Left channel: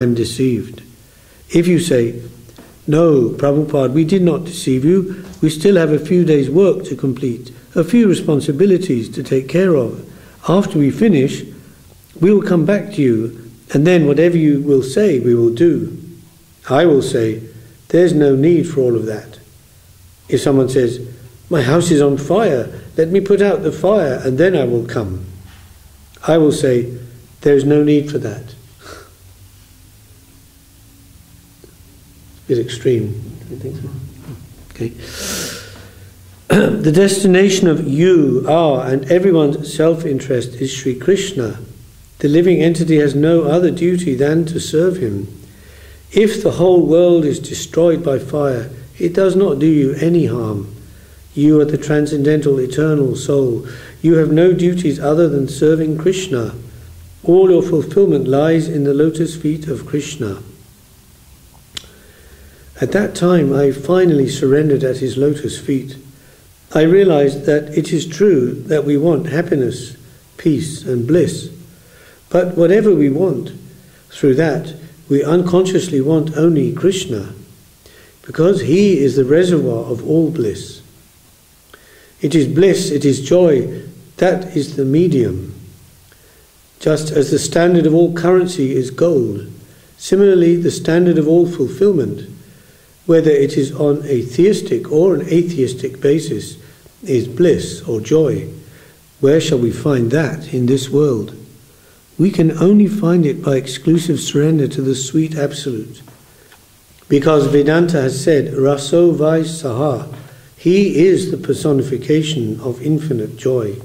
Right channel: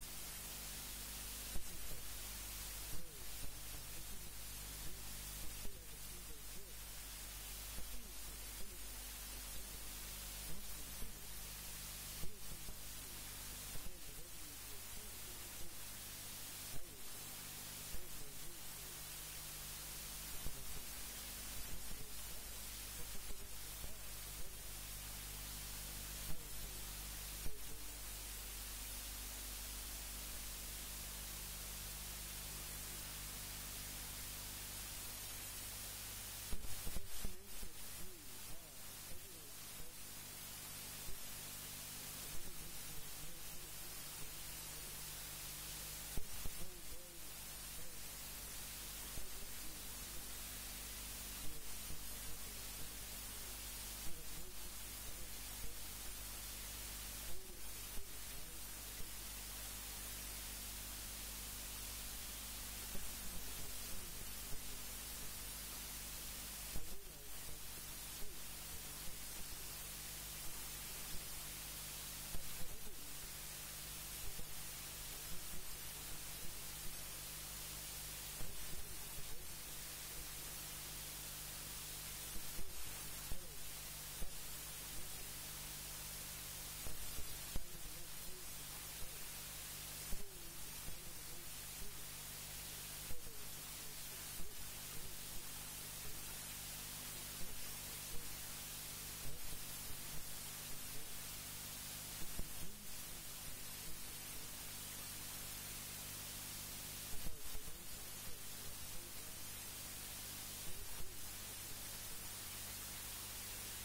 am deceived. If you say, no, Prabhupada, we did not deceive you, we still have a few days' work to complete, a few responsibilities to take care of. After we finish, we will come back to you, and then whatever you will say, we will do. I will say, there's no need for all of that. If someone says, my house is on fire, let me put out the fire, and then I will come. I will say, there's no need for that. Bit extreme, don't you think so? Okay. The destination of you, our, and everyone's self-interest is Sri Krishna. The living entity has no other duty than to serve him. If the whole world is destroyed by fire, it does not do you any harm. You are the transcendental eternal soul. You have no duties other than serving Krishna. All your fulfillment lies in the lotus feet of Krishna. At that time, I finally surrendered at his lotus feet. I realized that it is true that we want happiness, peace, and bliss. But whatever we want, through that, we unconsciously want only Krishna, because he is the reservoir of all bliss. It is bliss, it is joy, that is the medium. Just as the standard of all currency is gold, similarly the standard of all fulfillment, whether it is on a theistic or an atheistic basis, is bliss or joy. Where shall we find that in this world? We can only find it by exclusive surrender to the sweet Absolute. Because Vedanta has said, Raso Vai Saha, he is the personification of infinite joy.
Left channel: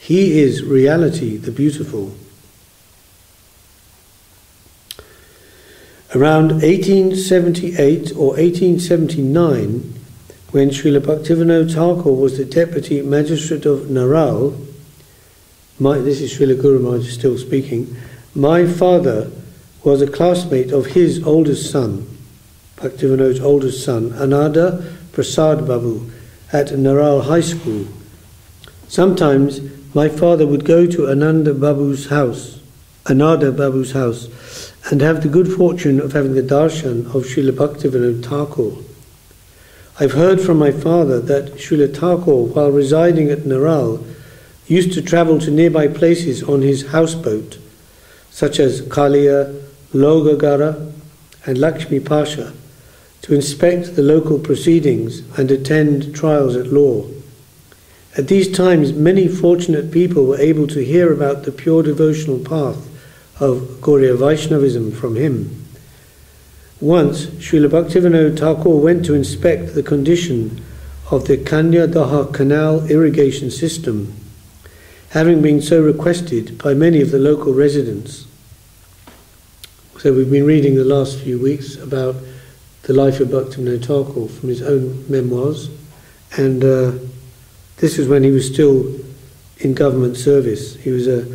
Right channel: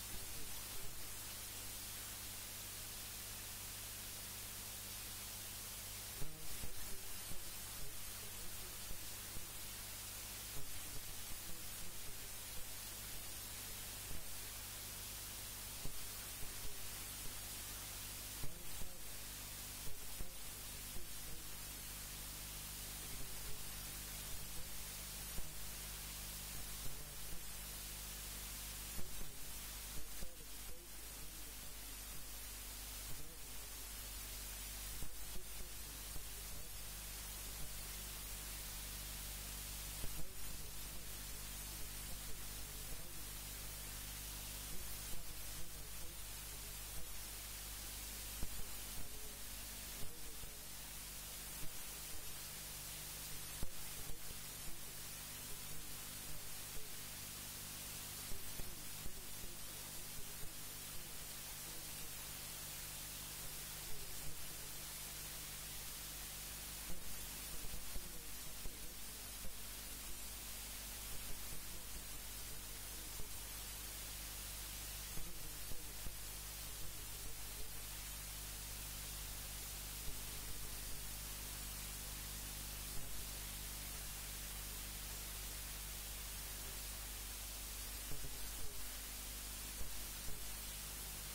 He is reality, the beautiful. Around 1878 or 1879, when Srila Bhaktivinoda Thakur was the Deputy Magistrate of Naral, this is Srila Guru Maharaj still speaking, my father was a classmate of his oldest son, Bhaktivinoda's oldest son, Ananda Prasad Babu, at Naral High School. Sometimes my father would go to Ananda Babu's house, and have the good fortune of having the darshan of Srila Bhaktivinoda Thakur. I've heard from my father that Srila Thakur, while residing at Naral, used to travel to nearby places on his houseboat, such as Kalia, Logagara, and Lakshmi Pasha, to inspect the local proceedings and attend trials at law. At these times, many fortunate people were able to hear about the pure devotional path of Gauriya Vaishnavism from him. Once, Srila Bhaktivinoda Thakur went to inspect the condition of the Kanya Daha canal irrigation system, having been so requested by many of the local residents. So we've been reading the last few weeks about the life of Bhaktivinoda Thakur from his own memoirs, and this was when he was still in government service. He was a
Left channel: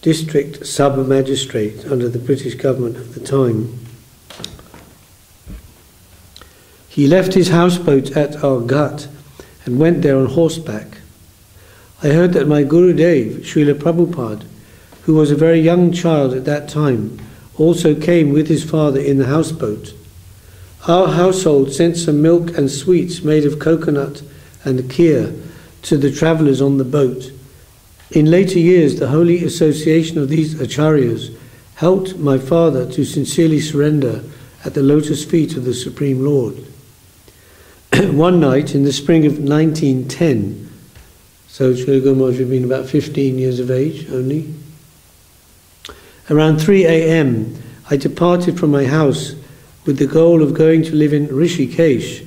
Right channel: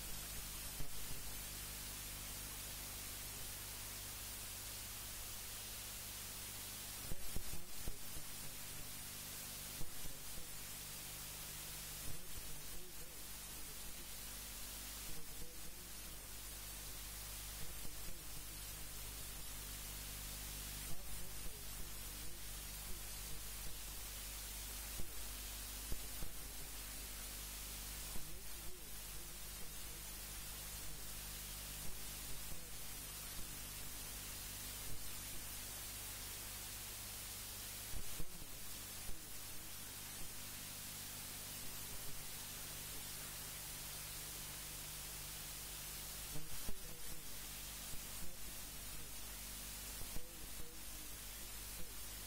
district sub-magistrate under the British government at the time. He left his houseboat at Argat and went there on horseback. I heard that my Gurudev, Srila Prabhupada, who was a very young child at that time, also came with his father in the houseboat. Our household sent some milk and sweets made of coconut and kheer to the travellers on the boat. In later years, the holy association of these acharyas helped my father to sincerely surrender at the lotus feet of the Supreme Lord. One night in the spring of 1910, so Srila Guru Maharaj would have been about 15 years of age only, around 3 a.m. I departed from my house with the goal of going to live in Rishikesh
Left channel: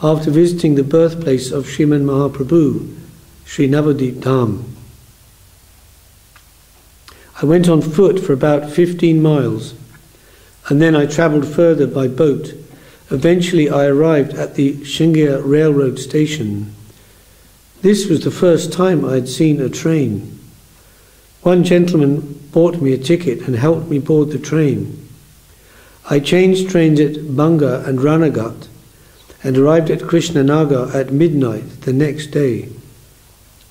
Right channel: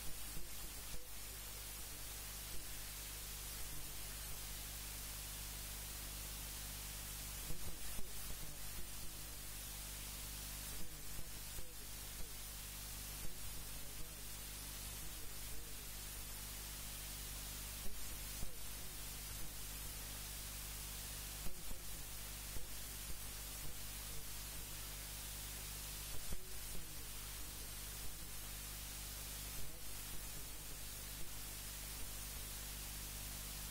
after visiting the birthplace of Sriman Mahaprabhu, Sri Navadip Dham. I went on foot for about 15 miles, and then I travelled further by boat. Eventually I arrived at the Shingia railroad station. This was the first time I had seen a train. One gentleman bought me a ticket and helped me board the train. I changed trains at Banga and Ranagat and arrived at Krishnanagar at midnight the next day.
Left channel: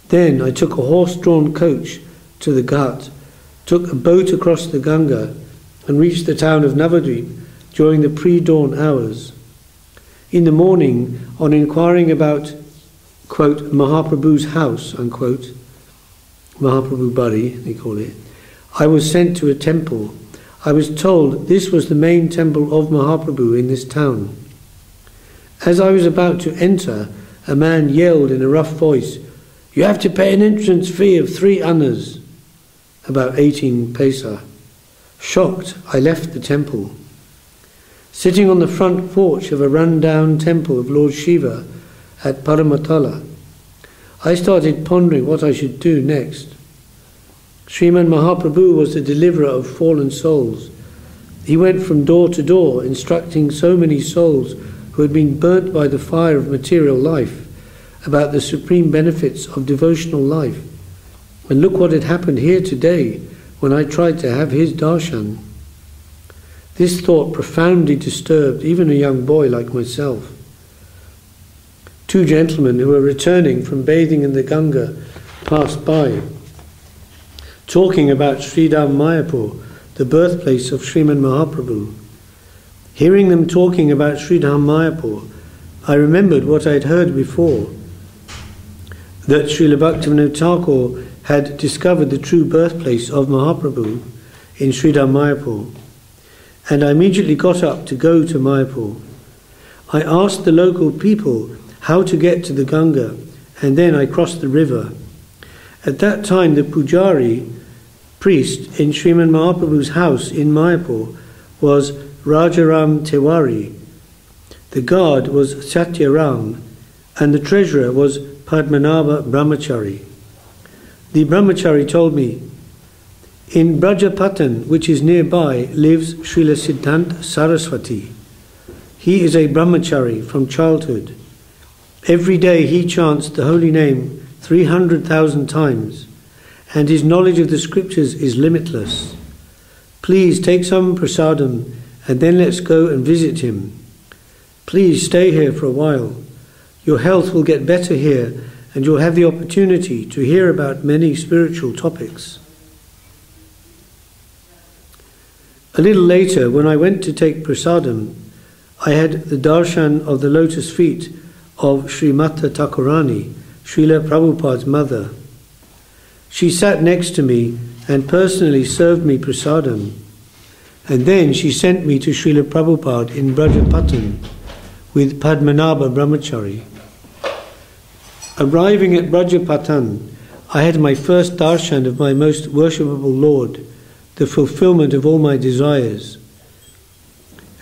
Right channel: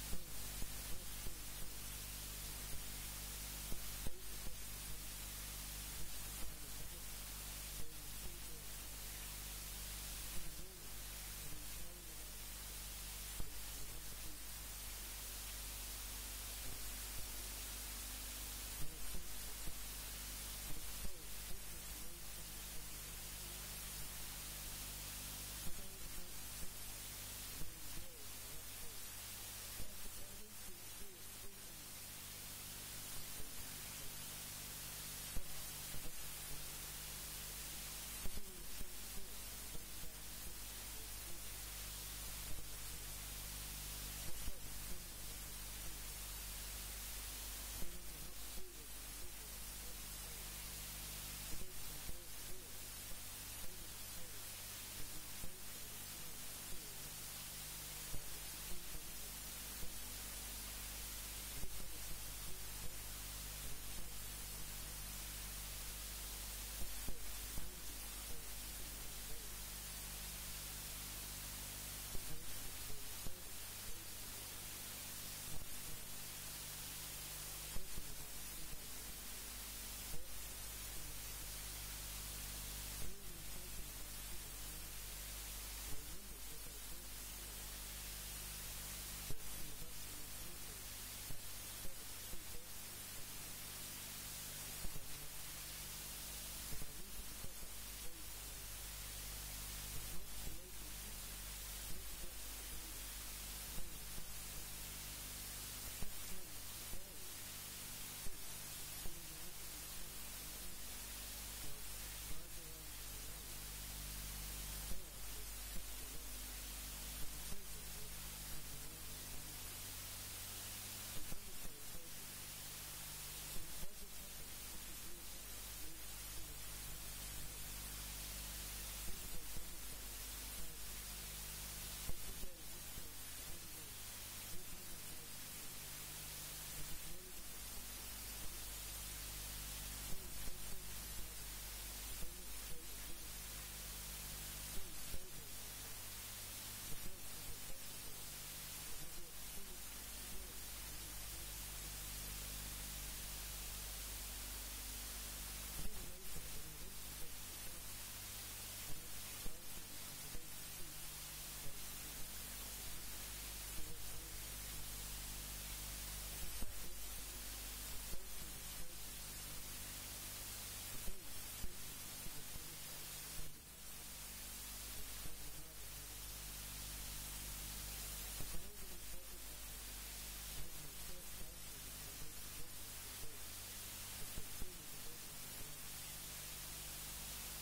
Then I took a horse-drawn coach to the Ghat, took a boat across the Ganga, and reached the town of Navadvip during the pre-dawn hours. In the morning, on inquiring about, quote, Mahaprabhu's house, unquote, Mahaprabhu Bari, they call it, I was sent to a temple. I was told this was the main temple of Mahaprabhu in this town. As I was about to enter, a man yelled in a rough voice, "You have to pay an entrance fee of 3 annas," about 18 paisa. Shocked, I left the temple. Sitting on the front porch of a run-down temple of Lord Shiva at Paramatala, I started pondering what I should do next. Sriman Mahaprabhu was the deliverer of fallen souls. He went from door to door, instructing so many souls who had been burnt by the fire of material life about the supreme benefits of devotional life. And look what had happened here today when I tried to have his darshan. This thought profoundly disturbed even a young boy like myself. 2 gentlemen who were returning from bathing in the Ganga passed by, talking about Sridham Mayapur, the birthplace of Sriman Mahaprabhu. Hearing them talking about Sridham Mayapur, I remembered what I had heard before, that Srila Bhaktivinoda Thakur had discovered the true birthplace of Mahaprabhu in Sridham Mayapur, and I immediately got up to go to Mayapur. I asked the local people how to get to the Ganga, and then I crossed the river. At that time, the pujari, priest in Sriman Mahaprabhu's house in Mayapur, was Rajaram Tewari. The guard was Satyaram, and the treasurer was Padmanabha Brahmachari. The Brahmachari told me, in Brajapatan, which is nearby, lives Srila Siddhanta Saraswati. He is a Brahmachari from childhood. Every day he chants the holy name 300,000 times, and his knowledge of the scriptures is limitless. Please take some prasadam, and then let's go and visit him. Please stay here for a while. Your health will get better here, and you'll have the opportunity to hear about many spiritual topics. A little later, when I went to take prasadam, I had the darshan of the lotus feet of Srimata Thakurani, Srila Prabhupada's mother. She sat next to me and personally served me prasadam, and then she sent me to Srila Prabhupada in Brajapatan with Padmanabha Brahmachari. Arriving at Brajapatan, I had my first darshan of my most worshipable Lord, the fulfillment of all my desires.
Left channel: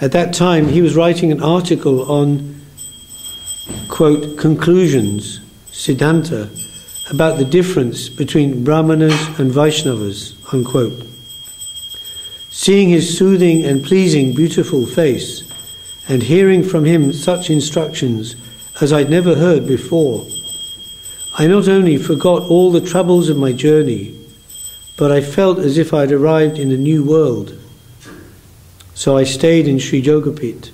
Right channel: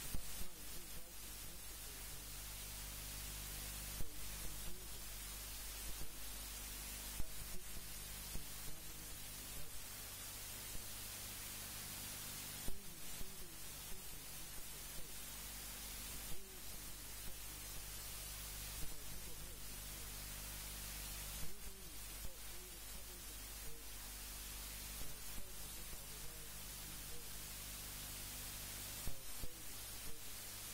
At that time, he was writing an article on, quote, conclusions, Siddhanta, about the difference between Brahmanas and Vaishnavas, unquote. Seeing his soothing and pleasing, beautiful face, and hearing from him such instructions as I'd never heard before, I not only forgot all the troubles of my journey, but I felt as if I'd arrived in a new world. So I stayed in Sri Jogapit.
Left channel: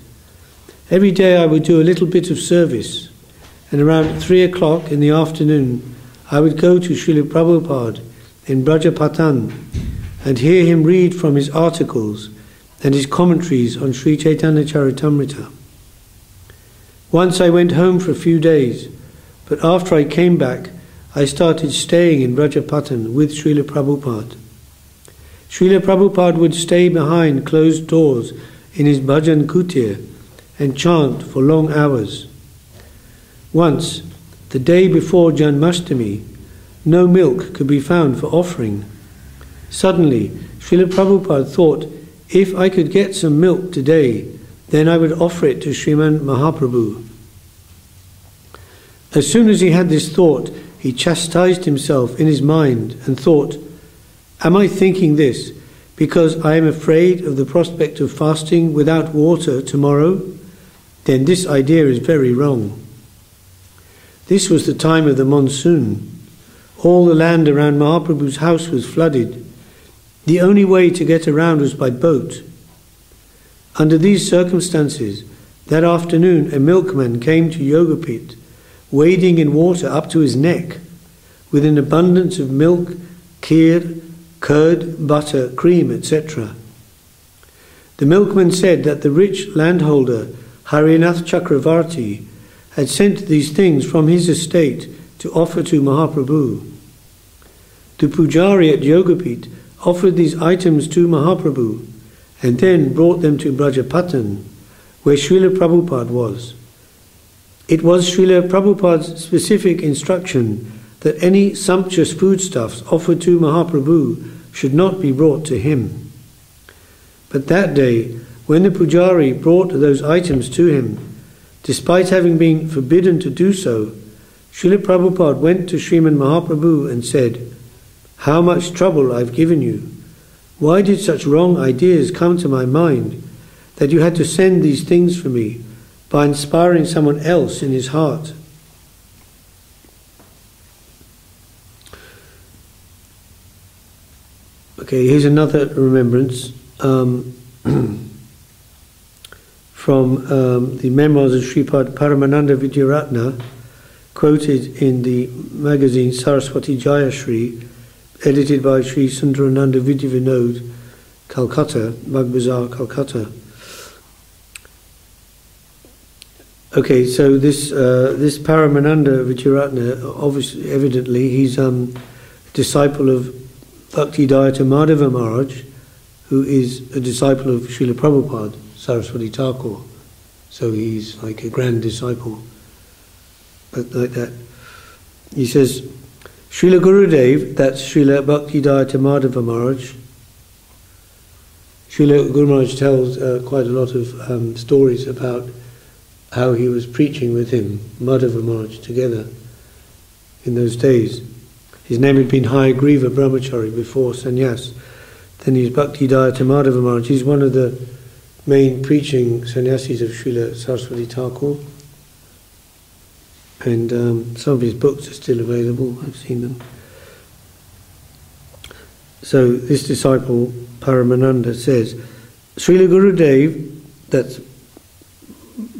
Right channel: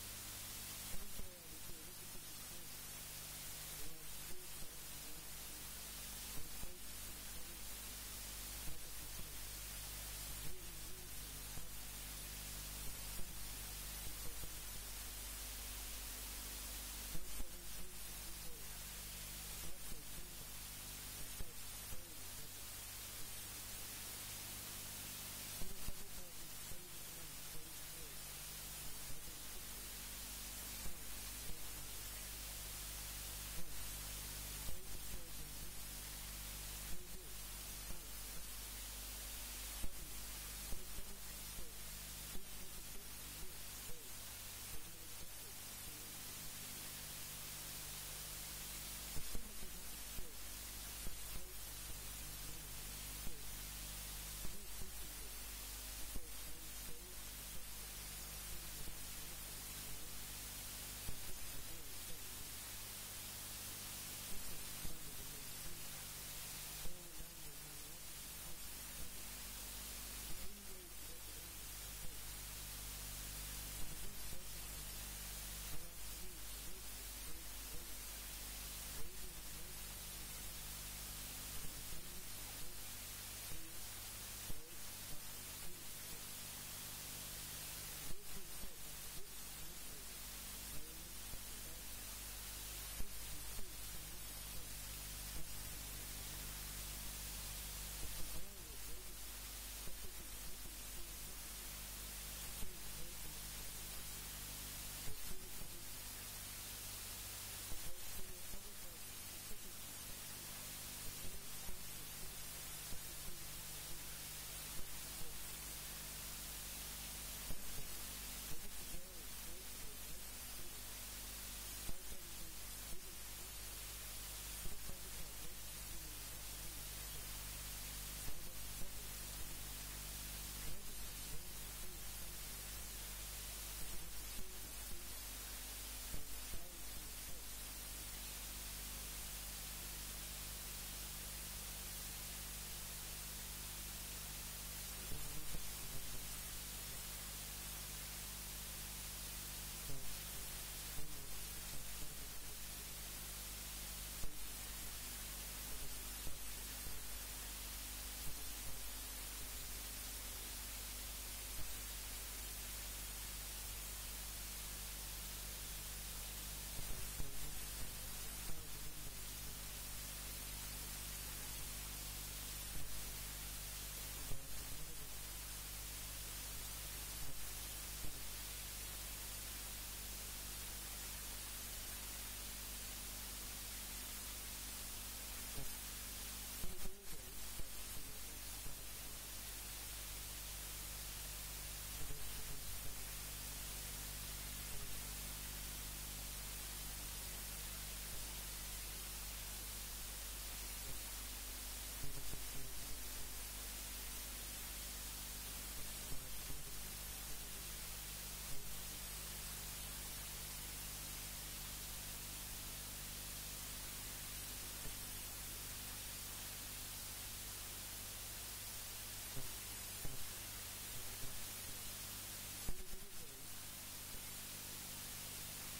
Every day I would do a little bit of service, and around 3 o'clock in the afternoon I would go to Srila Prabhupada in Brajapatan and hear him read from his articles and his commentaries on Sri Chaitanya Charitamrita. Once I went home for a few days, but after I came back, I started staying in Brajapatan with Srila Prabhupada. Srila Prabhupada would stay behind closed doors in his bhajan kutir and chant for long hours. Once, the day before Janmashtami, no milk could be found for offering. Suddenly, Srila Prabhupada thought, if I could get some milk today, then I would offer it to Sriman Mahaprabhu. As soon as he had this thought, he chastised himself in his mind and thought, am I thinking this because I am afraid of the prospect of fasting without water tomorrow? Then this idea is very wrong. This was the time of the monsoon. All the land around Mahaprabhu's house was flooded. The only way to get around was by boat. Under these circumstances, that afternoon a milkman came to Yogapit, wading in water up to his neck, with an abundance of milk, kheer, curd, butter, cream, etc. The milkman said that the rich landholder Harinath Chakravarti had sent these things from his estate to offer to Mahaprabhu. The pujari at Yogapith offered these items to Mahaprabhu and then brought them to Brajapatan, where Srila Prabhupada was. It was Srila Prabhupada's specific instruction that any sumptuous foodstuffs offered to Mahaprabhu should not be brought to him. But that day, when the pujari brought those items to him, despite having been forbidden to do so, Srila Prabhupada went to Sriman Mahaprabhu and said, "How much trouble I've given you. Why did such wrong ideas come to my mind that you had to send these things for me by inspiring someone else in his heart?" Okay, here's another remembrance from the memoirs of Sripad Paramananda Vidyaratna, quoted in the magazine Saraswati Jayashri, edited by Sri Sundarananda Vidya Vinod, Calcutta, Bagbazar, Calcutta. Okay, so this Paramananda Vidyaratna, obviously, evidently, he's a disciple of Bhaktisiddhanta Maharaj, who is a disciple of Srila Prabhupada, Saraswati Thakur. So he's like a grand disciple. But like that. He says, Srila Gurudev, that's Srila Bhaktisiddhanta Maharaj. Srila Guru Maharaj tells quite a lot of stories about how he was preaching with him, Madhava Maharaj, together in those days. His name had been Hayagriva Brahmachari before sannyas. Then he's Bhaktisiddhanta Madhava Maharaj. He's one of the main preaching sannyasis of Srila Saraswati Thakur. And some of his books are still available, I've seen them. So this disciple, Paramananda, says, Srila Gurudev, that's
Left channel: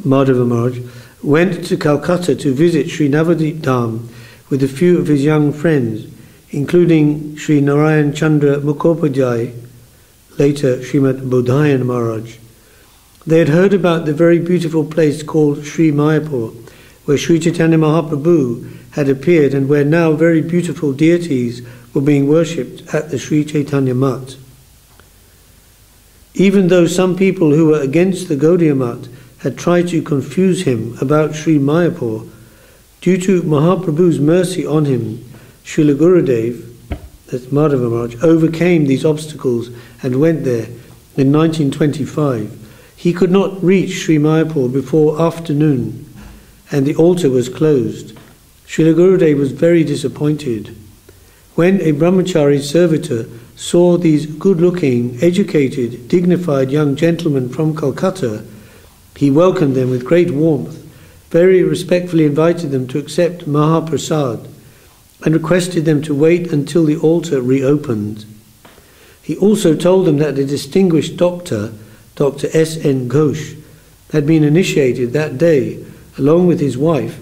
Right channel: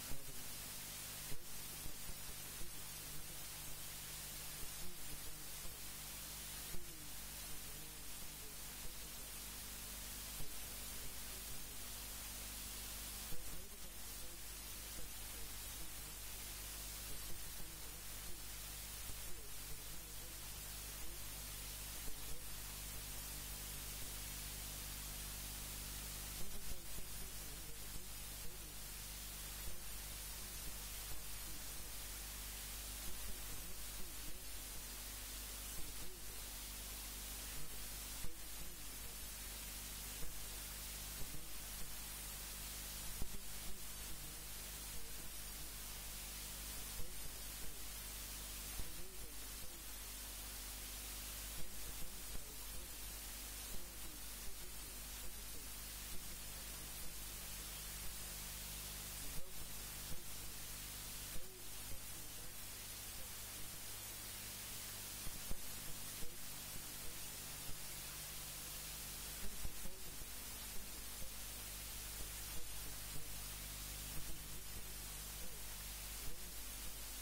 Madhava Maharaj, went to Calcutta to visit Sri Navadip Dham with a few of his young friends, including Sri Narayan Chandra Mukhopadhyay, later Srimad Bodhayan Maharaj. They had heard about the very beautiful place called Sri Mayapur, where Sri Chaitanya Mahaprabhu had appeared and where now very beautiful deities were being worshipped at the Sri Chaitanya Mat. Even though some people who were against the Gaudiya Mat had tried to confuse him about Sri Mayapur, due to Mahaprabhu's mercy on him, Srila Gurudev, that's Madhava Maharaj, overcame these obstacles and went there in 1925. He could not reach Sri Mayapur before afternoon, and the altar was closed. Srila Gurudev was very disappointed. When a brahmachari servitor saw these good-looking, educated, dignified young gentlemen from Calcutta, he welcomed them with great warmth, very respectfully invited them to accept Mahaprasad, and requested them to wait until the altar reopened. He also told them that a distinguished doctor, Dr. S.N. Ghosh, had been initiated that day, along with his wife,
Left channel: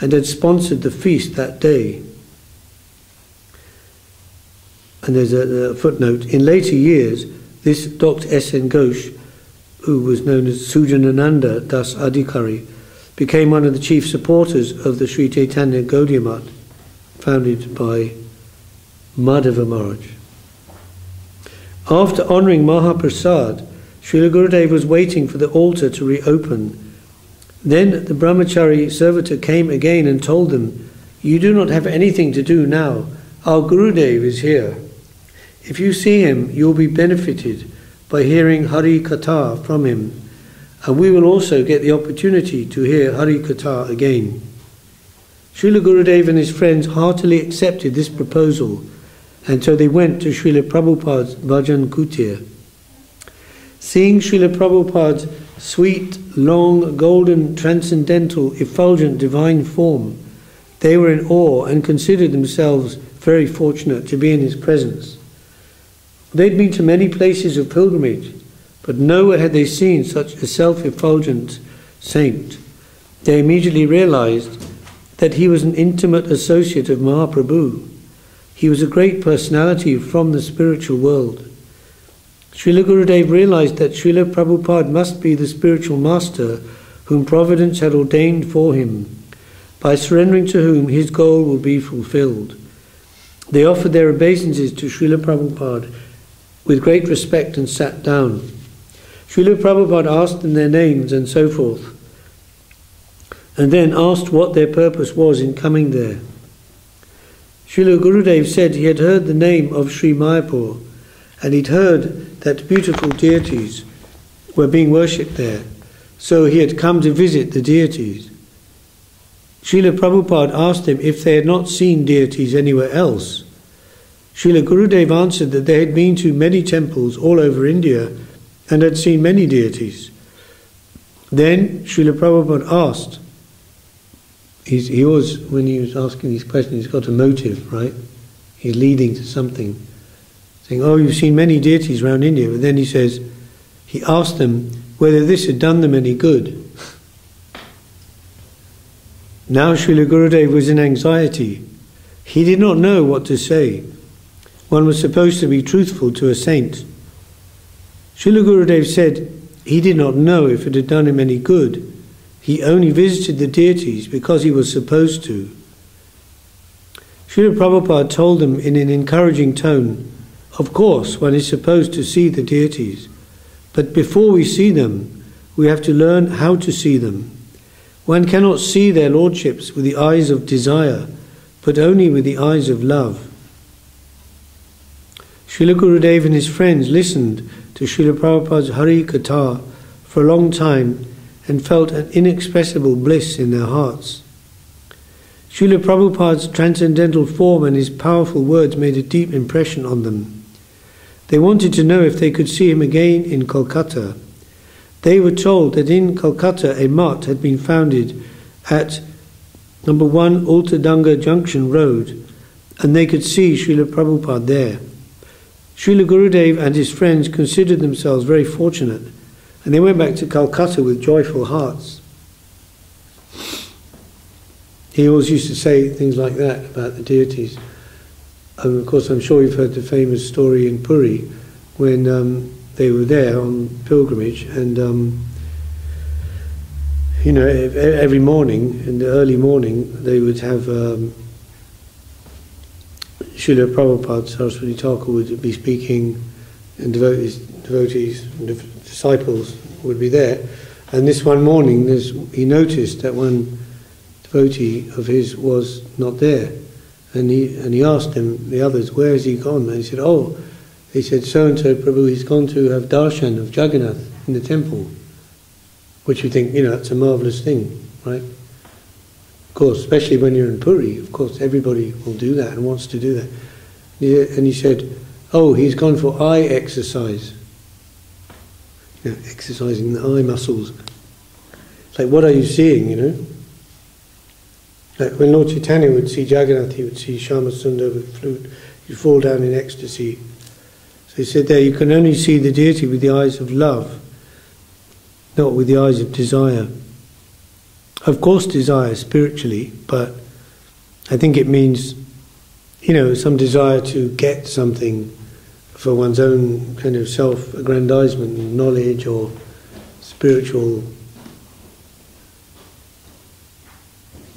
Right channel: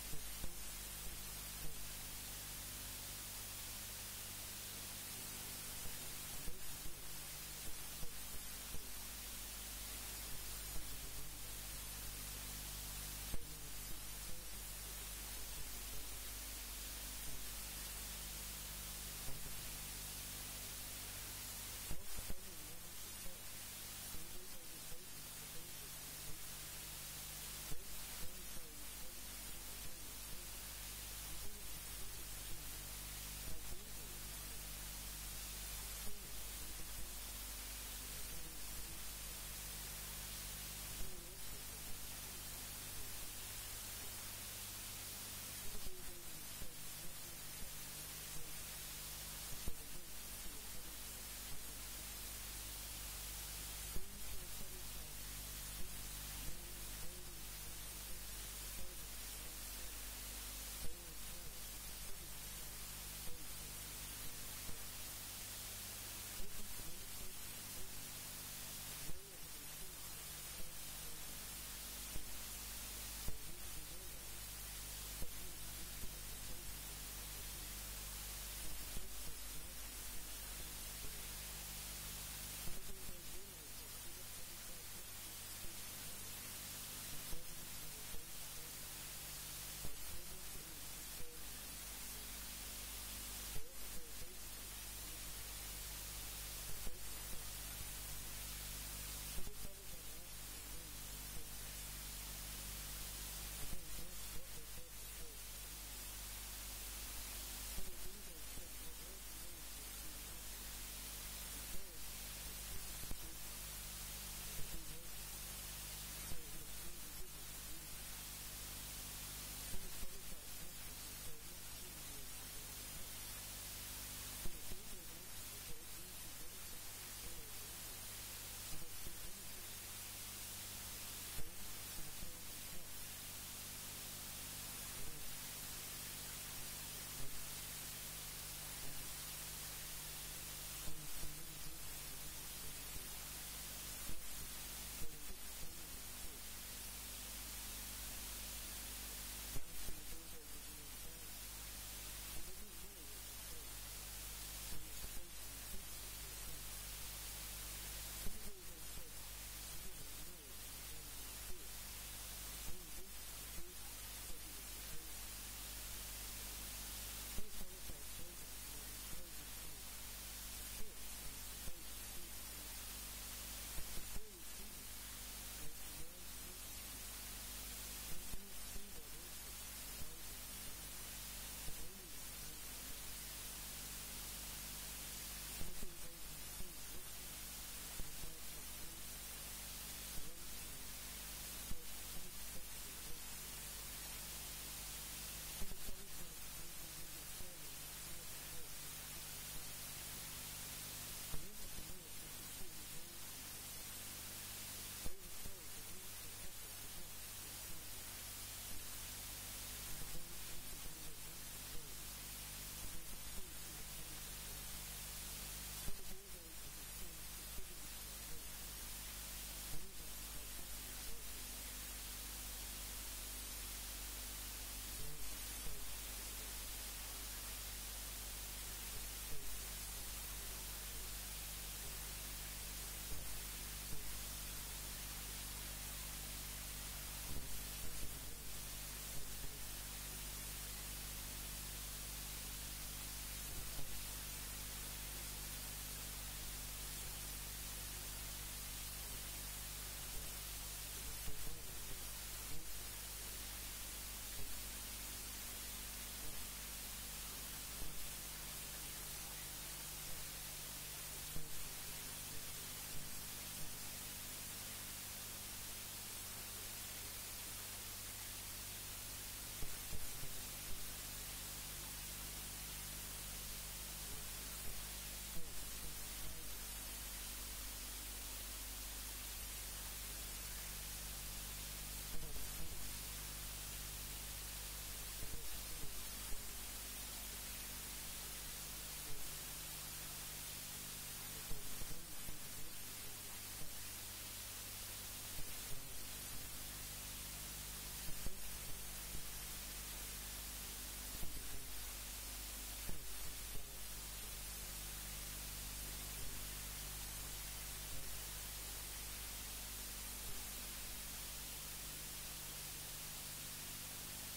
and had sponsored the feast that day. And there's a footnote. In later years, this Dr. S.N. Ghosh, who was known as Sujanananda Das Adhikari, became one of the chief supporters of the Sri Chaitanya Gaudiya Mat, founded by Madhava Maharaj. After honouring Mahaprasad, Srila Gurudev was waiting for the altar to reopen. Then the brahmachari servitor came again and told them, "You do not have anything to do now. Our Gurudev is here. If you see him, you will be benefited by hearing Hari Katha from him, and we will also get the opportunity to hear Hari Katha again." Srila Gurudev and his friends heartily accepted this proposal, and so they went to Srila Prabhupada's Bhajan Kutir. Seeing Srila Prabhupada's sweet, long, golden, transcendental, effulgent divine form, they were in awe and considered themselves very fortunate to be in his presence. They'd been to many places of pilgrimage, but nowhere had they seen such a self-effulgent saint. They immediately realized that he was an intimate associate of Mahaprabhu. He was a great personality from the spiritual world. Srila Gurudev realized that Srila Prabhupada must be the spiritual master whom Providence had ordained for him, by surrendering to whom his goal will be fulfilled. They offered their obeisances to Srila Prabhupada with great respect and sat down. Srila Prabhupada asked them their names and so forth, and then asked what their purpose was in coming there. Srila Gurudev said he had heard the name of Sri Mayapur, and he'd heard that beautiful deities were being worshipped there, so he had come to visit the deities. Srila Prabhupada asked him if they had not seen deities anywhere else. Srila Gurudev answered that they had been to many temples all over India and had seen many deities. Then Srila Prabhupada asked, when he was asking these questions, he's got a motive, right? He's leading to something. Saying, oh, you've seen many deities around India. But then he asked them whether this had done them any good. Now Srila Gurudev was in anxiety. He did not know what to say. One was supposed to be truthful to a saint. Srila Gurudev said he did not know if it had done him any good. He only visited the deities because he was supposed to. Srila Prabhupada told them in an encouraging tone, of course, one is supposed to see the deities, but before we see them, we have to learn how to see them. One cannot see their lordships with the eyes of desire, but only with the eyes of love. Srila Gurudev and his friends listened to Srila Prabhupada's Hari Katha for a long time and felt an inexpressible bliss in their hearts. Srila Prabhupada's transcendental form and his powerful words made a deep impression on them. They wanted to know if they could see him again in Kolkata. They were told that in Kolkata a mutt had been founded at number 1 Ultadanga Junction Road, and they could see Srila Prabhupada there. Srila Gurudev and his friends considered themselves very fortunate, and they went back to Calcutta with joyful hearts. He always used to say things like that about the deities. Of course, I'm sure you've heard the famous story in Puri when they were there on pilgrimage, and every morning, in the early morning, they would have Srila Prabhupada, Saraswati Thakur would be speaking, and devotees and disciples would be there. And this one morning, he noticed that one devotee of his was not there, and he asked him, the others, where has he gone? And he said, so-and-so Prabhu, he's gone to have darshan of Jagannath in the temple, which you think, that's a marvellous thing, right? Of course, especially when you're in Puri, of course, everybody will do that and wants to do that. And he said, he's gone for eye exercise. Exercising the eye muscles. It's like, what are you seeing, Like when Lord Chaitanya would see Jagannath, he would see Shama Sundar with flute, he'd fall down in ecstasy. So he said there, you can only see the deity with the eyes of love, not with the eyes of desire. Of course desire spiritually, but I think it means, some desire to get something for one's own kind of self-aggrandizement, knowledge or spiritual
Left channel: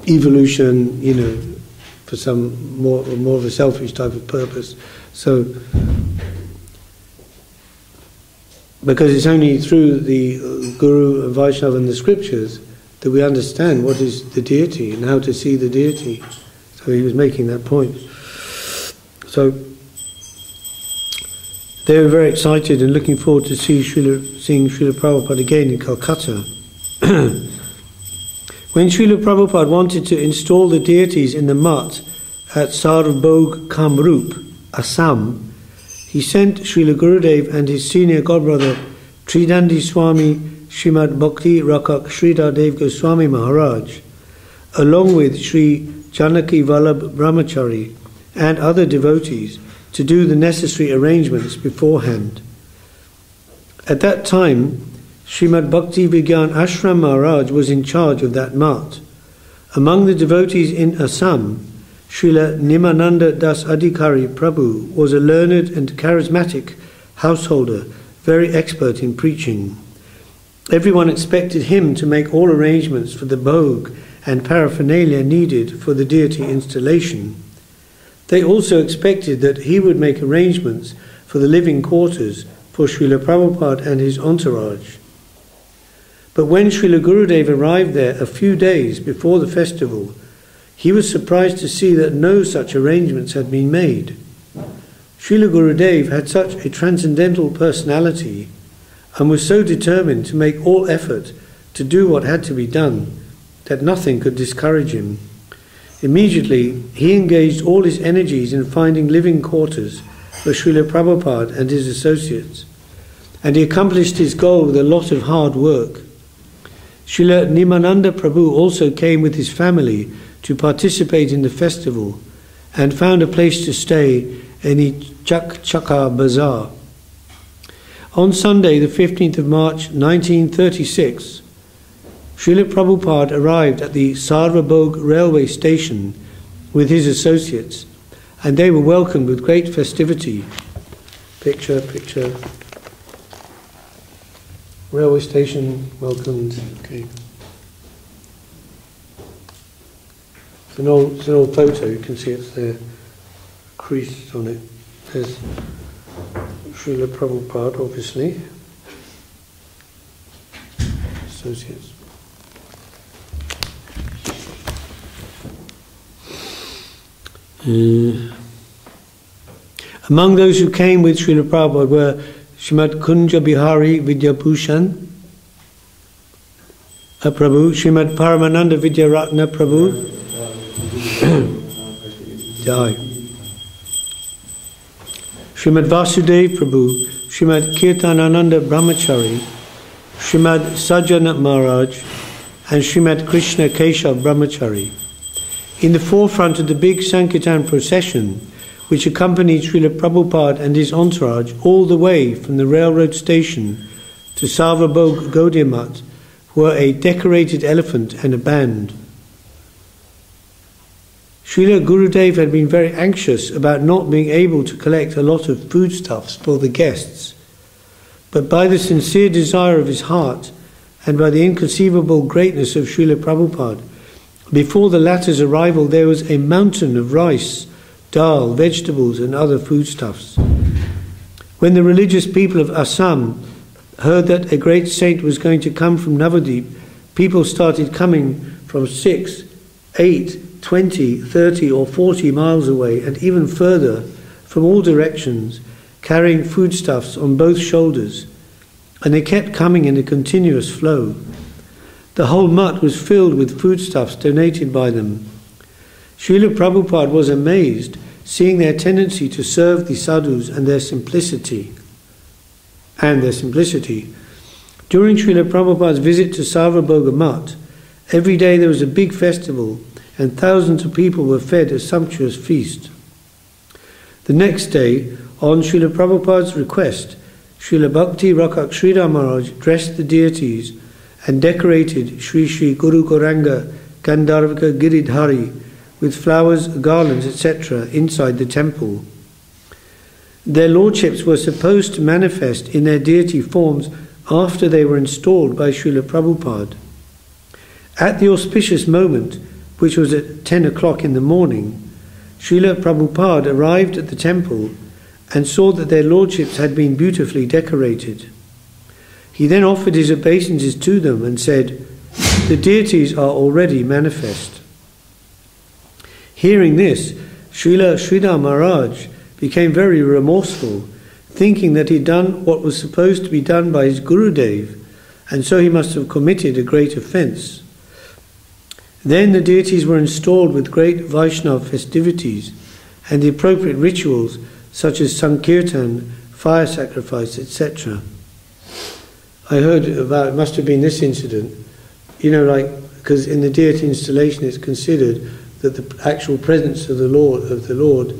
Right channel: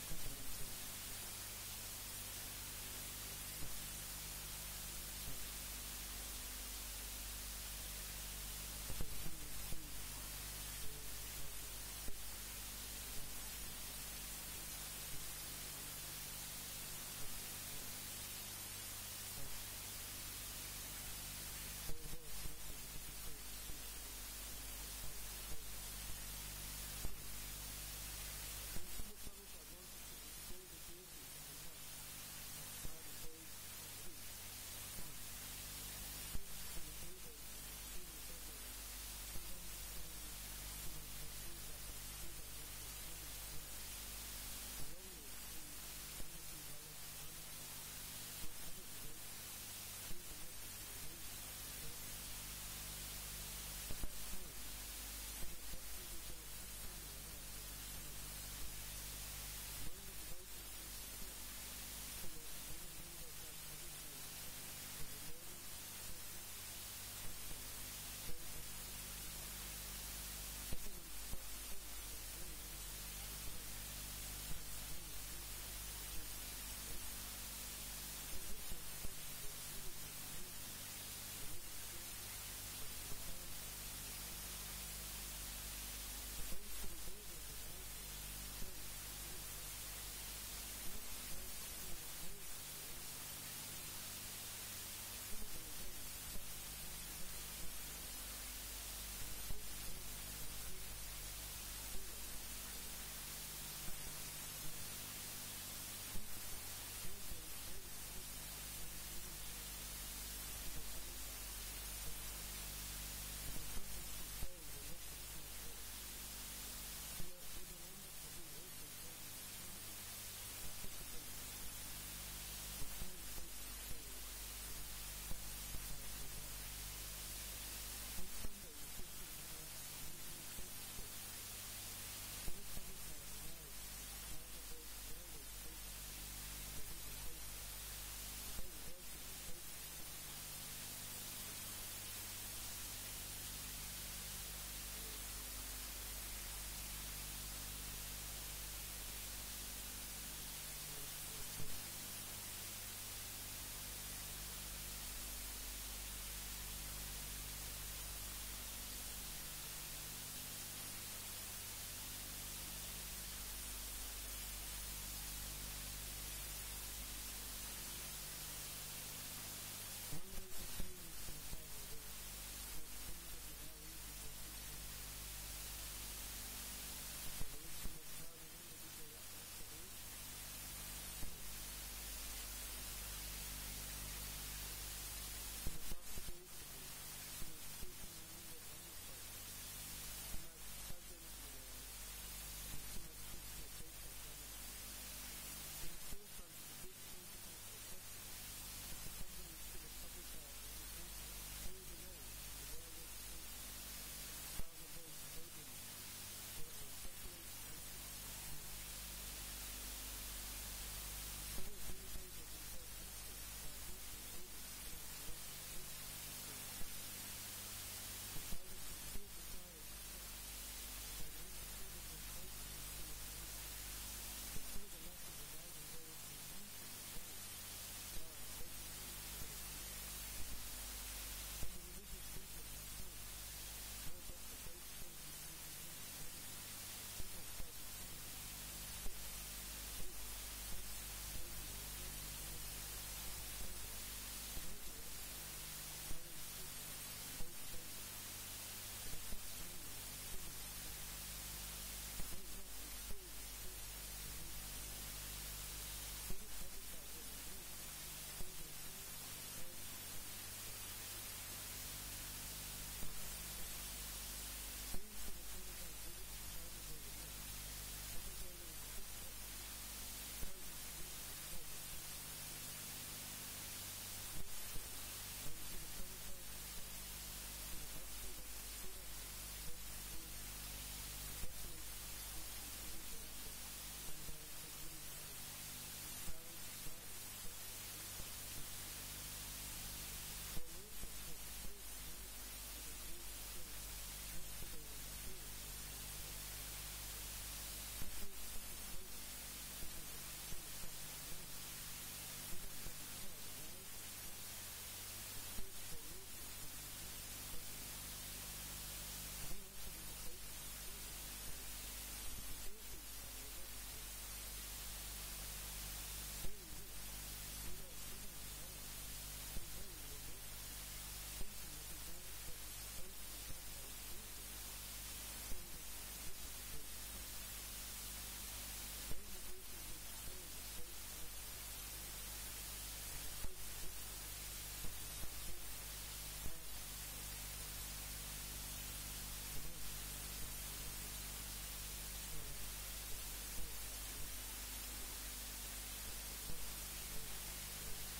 evolution, for some more of a selfish type of purpose. So, because it's only through the Guru and Vaishnava and the scriptures that we understand what is the deity and how to see the deity. So he was making that point. So they were very excited and looking forward to seeing Srila Prabhupada again in Calcutta. When Srila Prabhupada wanted to install the deities in the mutt at Sarbog Kamrup, Assam, he sent Srila Gurudev and his senior godbrother Tridandi Swami Srimad Bhakti Rakak Sridhar Dev Goswami Maharaj, along with Sri Janaki Vallabh Brahmachari and other devotees, to do the necessary arrangements beforehand. At that time, Srimad Bhakti Vigyan Ashram Maharaj was in charge of that mutt. Among the devotees in Assam, Srila Nimananda Das Adhikari Prabhu was a learned and charismatic householder very expert in preaching. Everyone expected him to make all arrangements for the bhog and paraphernalia needed for the deity installation. They also expected that he would make arrangements for the living quarters for Srila Prabhupada and his entourage. But when Srila Gurudev arrived there a few days before the festival, he was surprised to see that no such arrangements had been made. Srila Gurudev had such a transcendental personality and was so determined to make all effort to do what had to be done that nothing could discourage him. Immediately, he engaged all his energies in finding living quarters for Srila Prabhupada and his associates, and he accomplished his goal with a lot of hard work. Srila Nimananda Prabhu also came with his family to participate in the festival and found a place to stay in the Chaka Bazaar. On Sunday, the 15th of March 1936, Srila Prabhupada arrived at the Sarvabhog railway station with his associates, and they were welcomed with great festivity. Picture. Railway station, welcomed. Okay. It's an old photo, you can see it's there, creased on it. There's Srila Prabhupada, obviously. Associates. Among those who came with Srila Prabhupada were Srimad Kunja Bihari Vidyabhushan Prabhu, Srimad Paramananda Vidyaratna Prabhu, Srimad Vasudev Prabhu, Srimad Kirtanananda Brahmachari, Srimad Sajjana Maharaj, and Srimad Krishna Keshav Brahmachari. In the forefront of the big Sankirtan procession, which accompanied Srila Prabhupada and his entourage all the way from the railroad station to Sarvabhog Gaudiya Math, were a decorated elephant and a band. Srila Gurudev had been very anxious about not being able to collect a lot of foodstuffs for the guests, but by the sincere desire of his heart and by the inconceivable greatness of Srila Prabhupada, before the latter's arrival there was a mountain of rice, dal, vegetables and other foodstuffs. When the religious people of Assam heard that a great saint was going to come from Navadip, people started coming from 6, 8, 20, 30 or 40 miles away and even further from all directions, carrying foodstuffs on both shoulders, and they kept coming in a continuous flow. The whole mutt was filled with foodstuffs donated by them. Srila Prabhupada was amazed, seeing their tendency to serve the sadhus and their simplicity. During Srila Prabhupada's visit to Sarvabhoga Math, every day there was a big festival and thousands of people were fed a sumptuous feast. The next day, on Srila Prabhupada's request, Srila Bhakti Rakak Sridhar Maharaj dressed the deities and decorated Sri Sri Guru Gauranga Gandharvika Giridhari with flowers, garlands, etc. inside the temple. Their lordships were supposed to manifest in their deity forms after they were installed by Srila Prabhupada. At the auspicious moment, which was at 10 o'clock in the morning, Srila Prabhupada arrived at the temple and saw that their lordships had been beautifully decorated. He then offered his obeisances to them and said, "The deities are already manifest." Hearing this, Srila Sridhar Maharaj became very remorseful, thinking that he had done what was supposed to be done by his Gurudev, and so he must have committed a great offence. Then the deities were installed with great Vaishnava festivities and the appropriate rituals such as Sankirtan, fire sacrifice, etc. I heard about, it must have been this incident, because in the deity installation it's considered that the actual presence of the Lord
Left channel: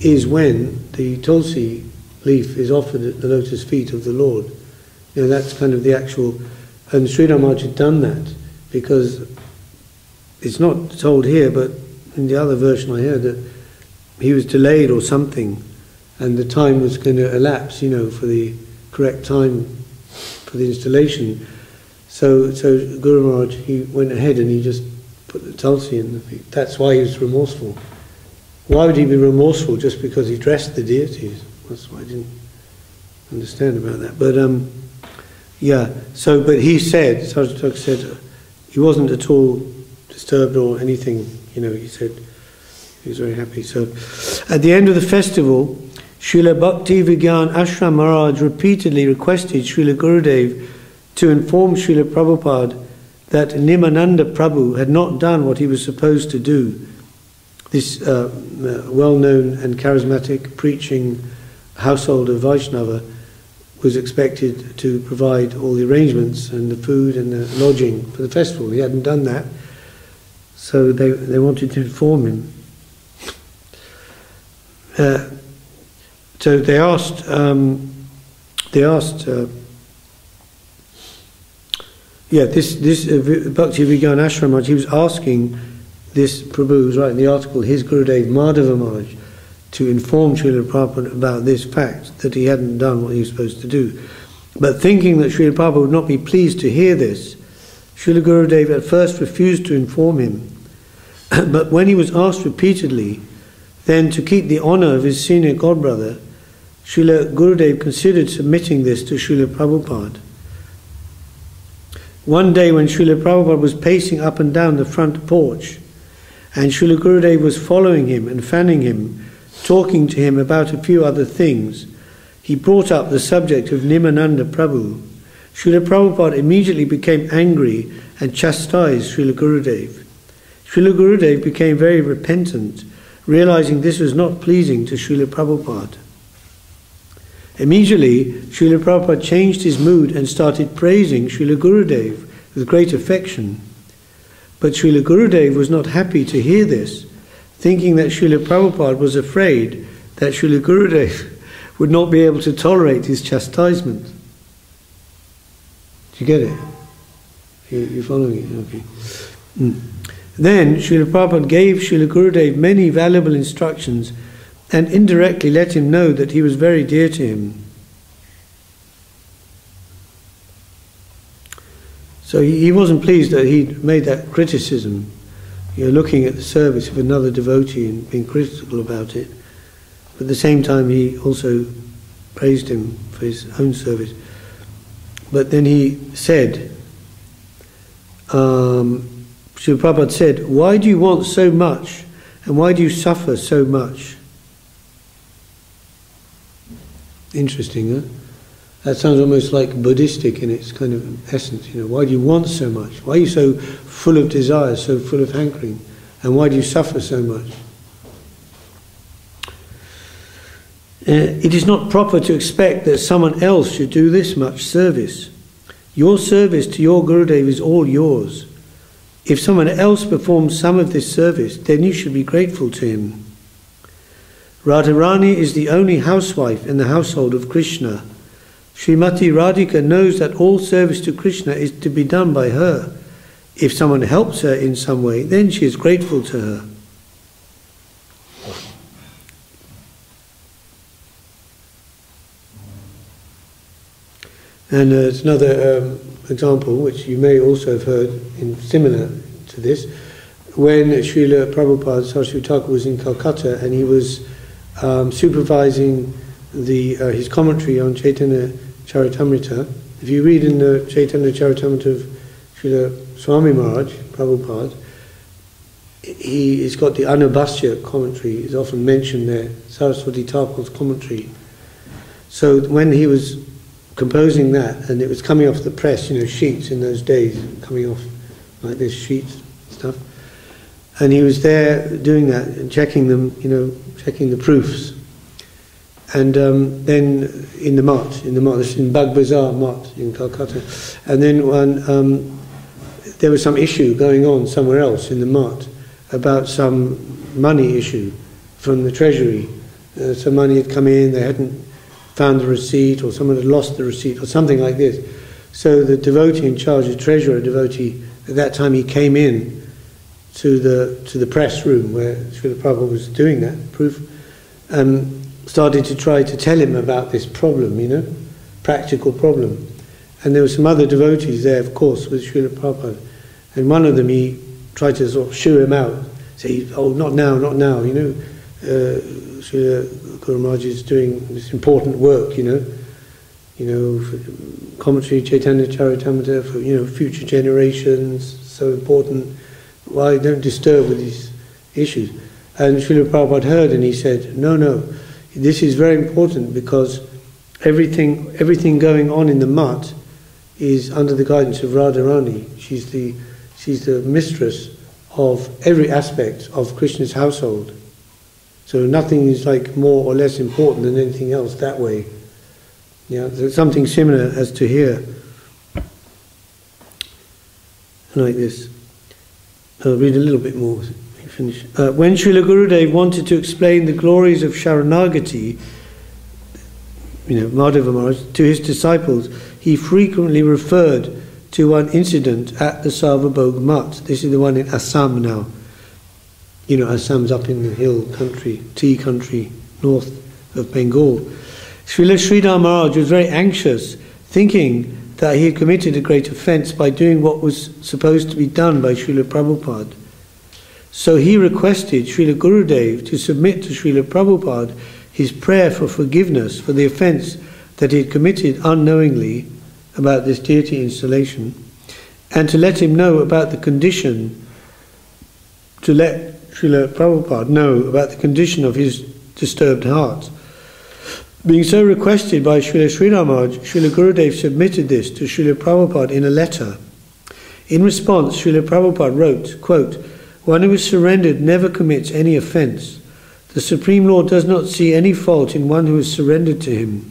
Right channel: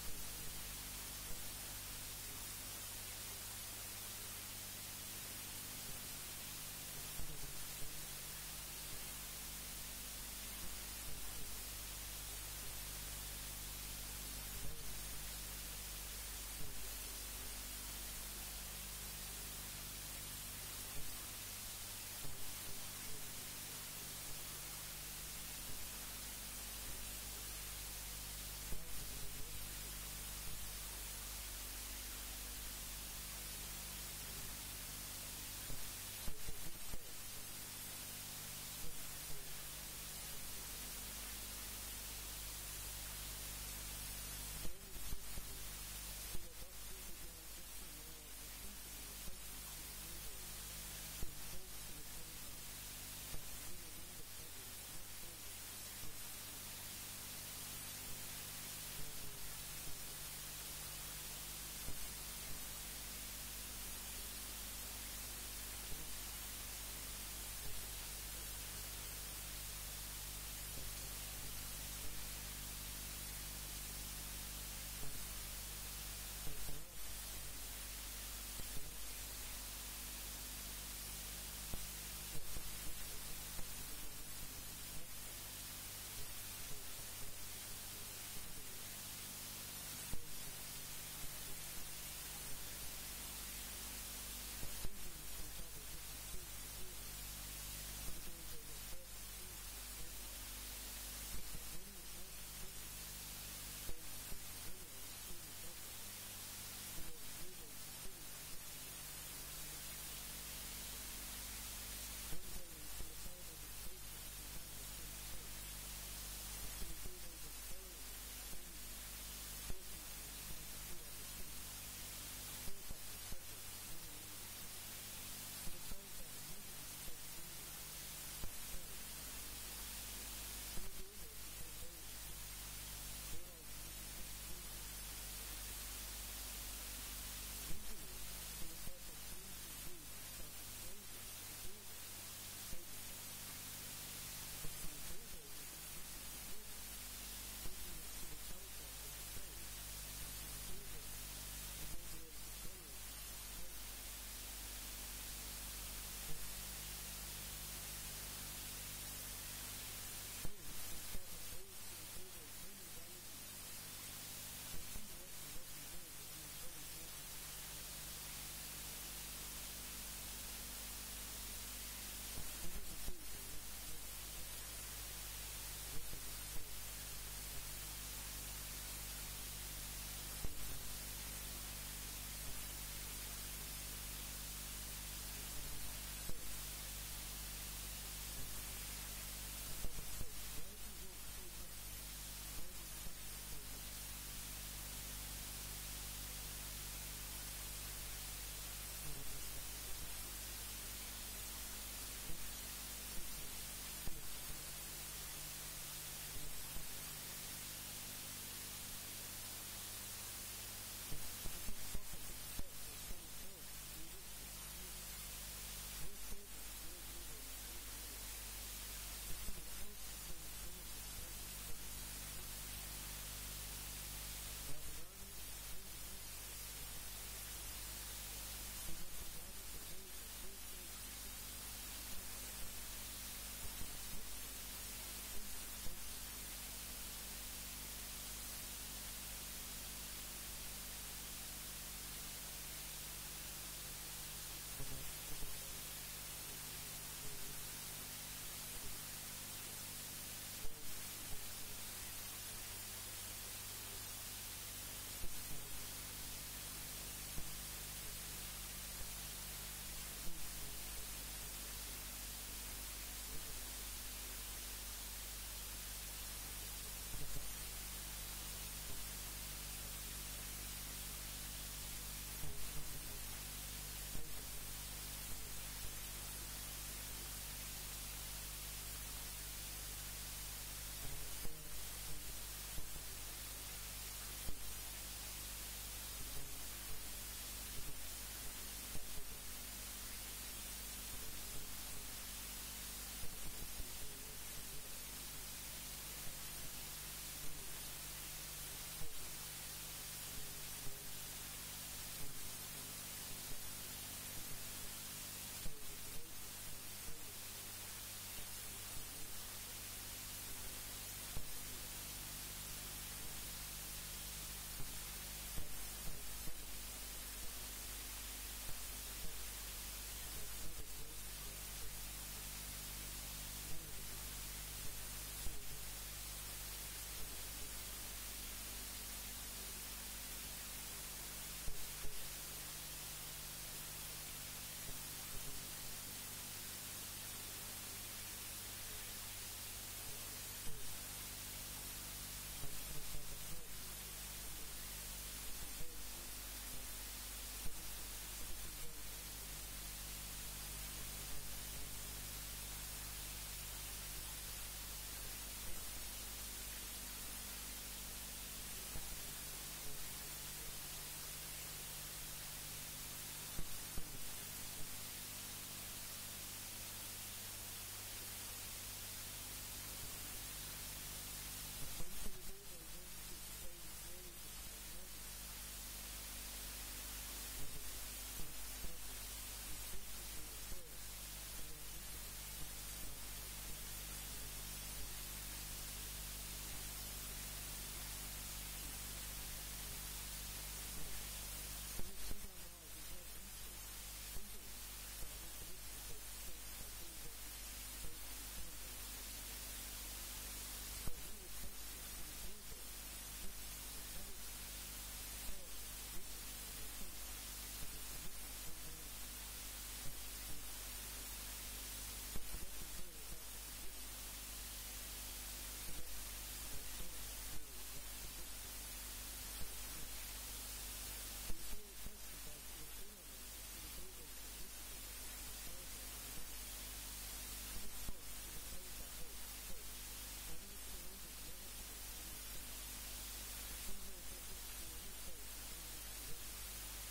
is when the tulsi leaf is offered at the lotus feet of the Lord. That's kind of the actual, and Sridhar Maharaj had done that because it's not told here, but in the other version I heard that he was delayed or something, and the time was going to elapse, for the correct time for the installation. So Guru Maharaj, he went ahead and he just put the tulsi in. That's why he was remorseful. Why would he be remorseful just because he dressed the deities? That's why I didn't understand about that. But yeah, so but he said, Saraswati Thakur said, he wasn't at all disturbed or anything, he said he was very happy. So at the end of the festival, Srila Bhakti Vigyan Ashram Maharaj repeatedly requested Srila Gurudev to inform Srila Prabhupada that Nimananda Prabhu had not done what he was supposed to do. This well-known and charismatic preaching household of Vaishnava was expected to provide all the arrangements and the food and the lodging for the festival. He hadn't done that, so they wanted to inform him. So they asked this Bhakti Vigyan Ashram Maharaj, he was asking this Prabhu, who's writing the article, his Gurudev Madhava Maharaj, to inform Srila Prabhupada about this fact, that he hadn't done what he was supposed to do. But thinking that Srila Prabhupada would not be pleased to hear this, Srila Gurudev at first refused to inform him. But when he was asked repeatedly, then to keep the honour of his senior godbrother, Srila Gurudev considered submitting this to Srila Prabhupada. One day when Srila Prabhupada was pacing up and down the front porch, and Srila Gurudev was following him and fanning him, talking to him about a few other things, he brought up the subject of Nimananda Prabhu. Srila Prabhupada immediately became angry and chastised Srila Gurudev. Srila Gurudev became very repentant, realizing this was not pleasing to Srila Prabhupada. Immediately, Srila Prabhupada changed his mood and started praising Srila Gurudev with great affection. But Srila Gurudev was not happy to hear this, thinking that Srila Prabhupada was afraid that Srila Gurudev would not be able to tolerate his chastisement. Do you get it? You're following it? Okay. Then Srila Prabhupada gave Srila Gurudev many valuable instructions and indirectly let him know that he was very dear to him. So he wasn't pleased that he'd made that criticism, looking at the service of another devotee and being critical about it. But at the same time, he also praised him for his own service. But then he said, Srila Prabhupada said, "Why do you want so much, and why do you suffer so much?" Interesting, huh? That sounds almost like Buddhistic in its kind of essence. Why do you want so much? Why are you so full of desire, so full of hankering? And why do you suffer so much? It is not proper to expect that someone else should do this much service. Your service to your Gurudev is all yours. If someone else performs some of this service, then you should be grateful to him. Radharani is the only housewife in the household of Krishna. Srimati Radhika knows that all service to Krishna is to be done by her. If someone helps her in some way, then she is grateful to her. And there's another example, which you may also have heard similar to this, when Srila Prabhupada Saraswati Thakur was in Calcutta and he was supervising his commentary on Chaitanya Charitamrita. If you read in the Chaitanya Charitamrita of Srila Swami Maharaj, Prabhupada, he's got the Anubhasya commentary, is often mentioned there, Saraswati Thakur's commentary. So when he was composing that, and it was coming off the press, sheets in those days, coming off like this, sheets and stuff, and he was there doing that and checking them, checking the proofs. And then in the Mat, in Bag Bazaar Mat in Calcutta, and then there was some issue going on somewhere else in the Mat about some money issue from the treasury. Some money had come in, they hadn't found the receipt, or someone had lost the receipt, or something like this. So the devotee in charge, the treasurer devotee, at that time he came in to the press room where Srila Prabhupada was doing that proof, and started to try to tell him about this problem, practical problem. And there were some other devotees there, of course, with Srila Prabhupada. And one of them, he tried to sort of shoo him out, say, oh, not now, not now, you know. Srila Guru Maharaj is doing this important work, you know, for commentary, Chaitanya Charitamrita, for, you know, future generations, so important. Why don't disturb with these issues? And Srila Prabhupada heard and he said, no, this is very important because everything going on in the mutt is under the guidance of Radharani. She's the mistress of every aspect of Krishna's household. So nothing is like more or less important than anything else that way. Yeah, there's something similar as to here. Like this. I'll read a little bit more. Finish. When Srila Gurudev wanted to explain the glories of Sharanagati, you know, Madhava Maharaj, to his disciples, he frequently referred to one incident at the Sarvabhaug Mutt. This is the one in Assam now. You know, Assam's up in the hill country, tea country, north of Bengal. Srila Sridhar Maharaj was very anxious, thinking that he had committed a great offence by doing what was supposed to be done by Srila Prabhupada. So he requested Srila Gurudev to submit to Srila Prabhupada his prayer for forgiveness for the offence that he had committed unknowingly about this deity installation, and to let him know about the condition, to let Srila Prabhupada know about the condition of his disturbed heart. Being so requested by Srila Sridhar Maharaj, Srila Gurudev submitted this to Srila Prabhupada in a letter. In response, Srila Prabhupada wrote, quote, "One who is surrendered never commits any offence. The Supreme Lord does not see any fault in one who is surrendered to him.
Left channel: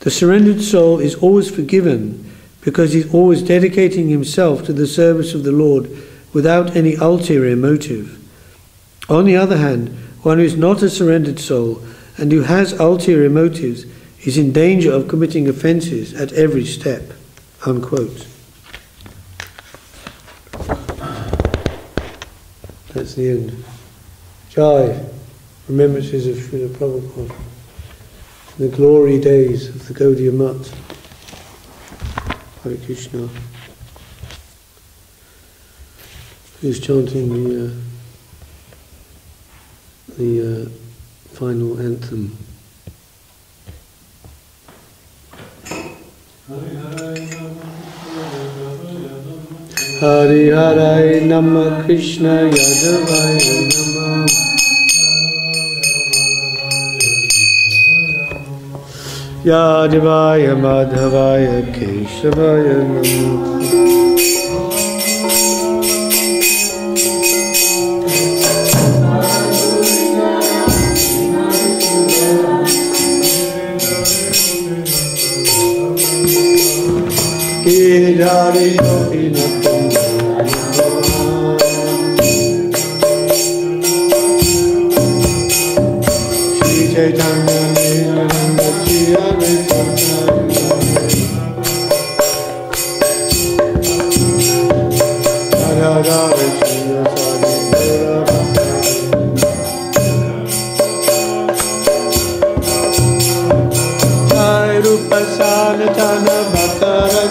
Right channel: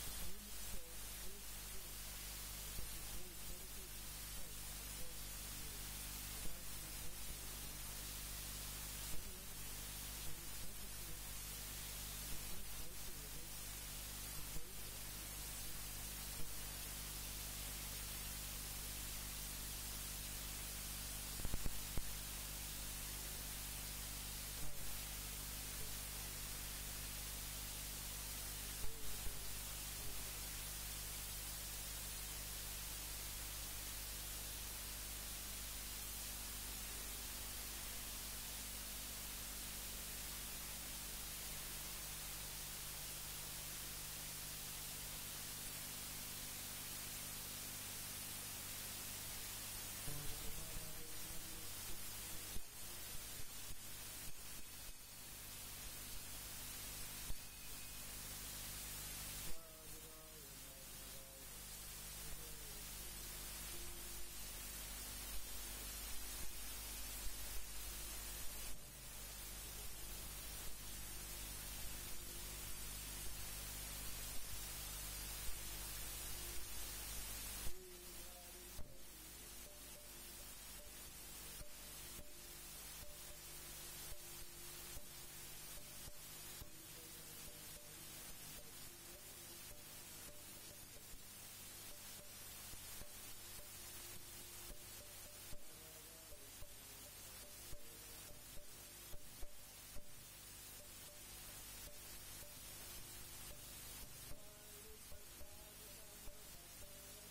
The surrendered soul is always forgiven because he is always dedicating himself to the service of the Lord without any ulterior motive. On the other hand, one who is not a surrendered soul and who has ulterior motives is in danger of committing offences at every step." Unquote. That's the end. Jai, remembrances of Srila Prabhupada, the glory days of the Gaudiya Mutt. Hare Krishna. Who's chanting the final anthem? Hari Hari Nama Krishna Yadavaya Nama Yadavaya Madhavaya Keshavaya Nama Hari Gopi Natam Shri Chaitanya Nityananda Shri Advaita Radha Radha Shri Sari Jai Rupa Sanatana Bhattara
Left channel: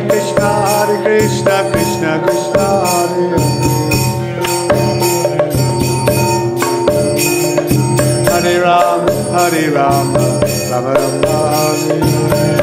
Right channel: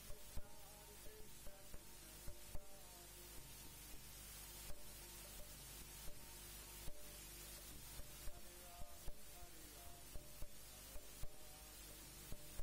Krishna, Krishna Krishna, Hare Ram, Hare Ram, Ram Ram Hare Hare.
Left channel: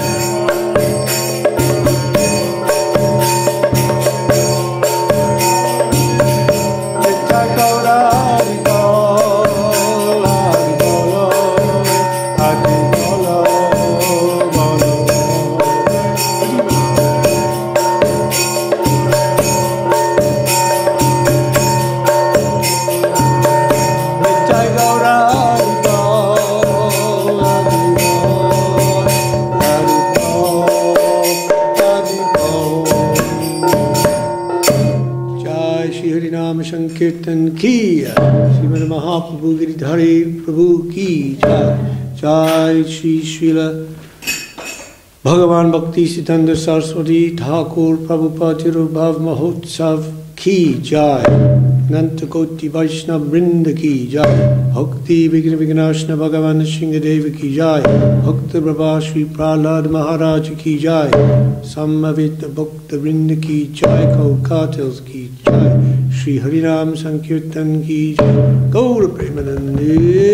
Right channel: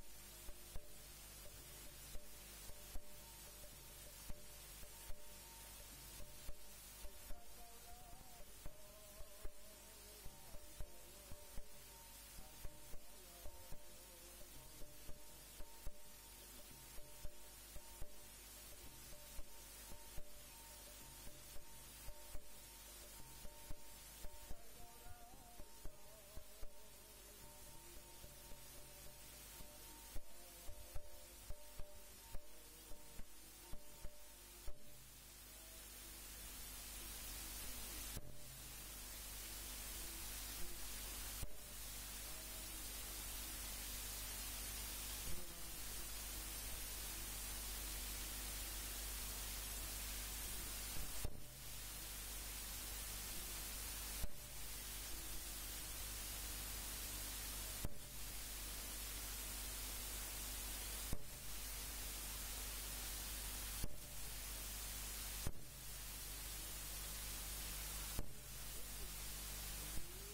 Kirtan ki Srimad Mahaprabhu Giridhari Prabhu ki jai. Jai Shri Srila Bhagavan Bhaktisiddhanta Saraswati Thakur Prabhupada Tirubhav Mahotsav ki jai. Nanta Koti Vaishnava Vrinda ki jai. Bhakti Vigna Vignashna Bhagavan Shingadeva ki jai. Bhakta Prabha Shri Prahlad Maharaj ki jai. Samavita Bhakta Vrinda ki jai. Kaukatils ki jai. Shri Harinam Sankirtan ki jai. Gaura Premanande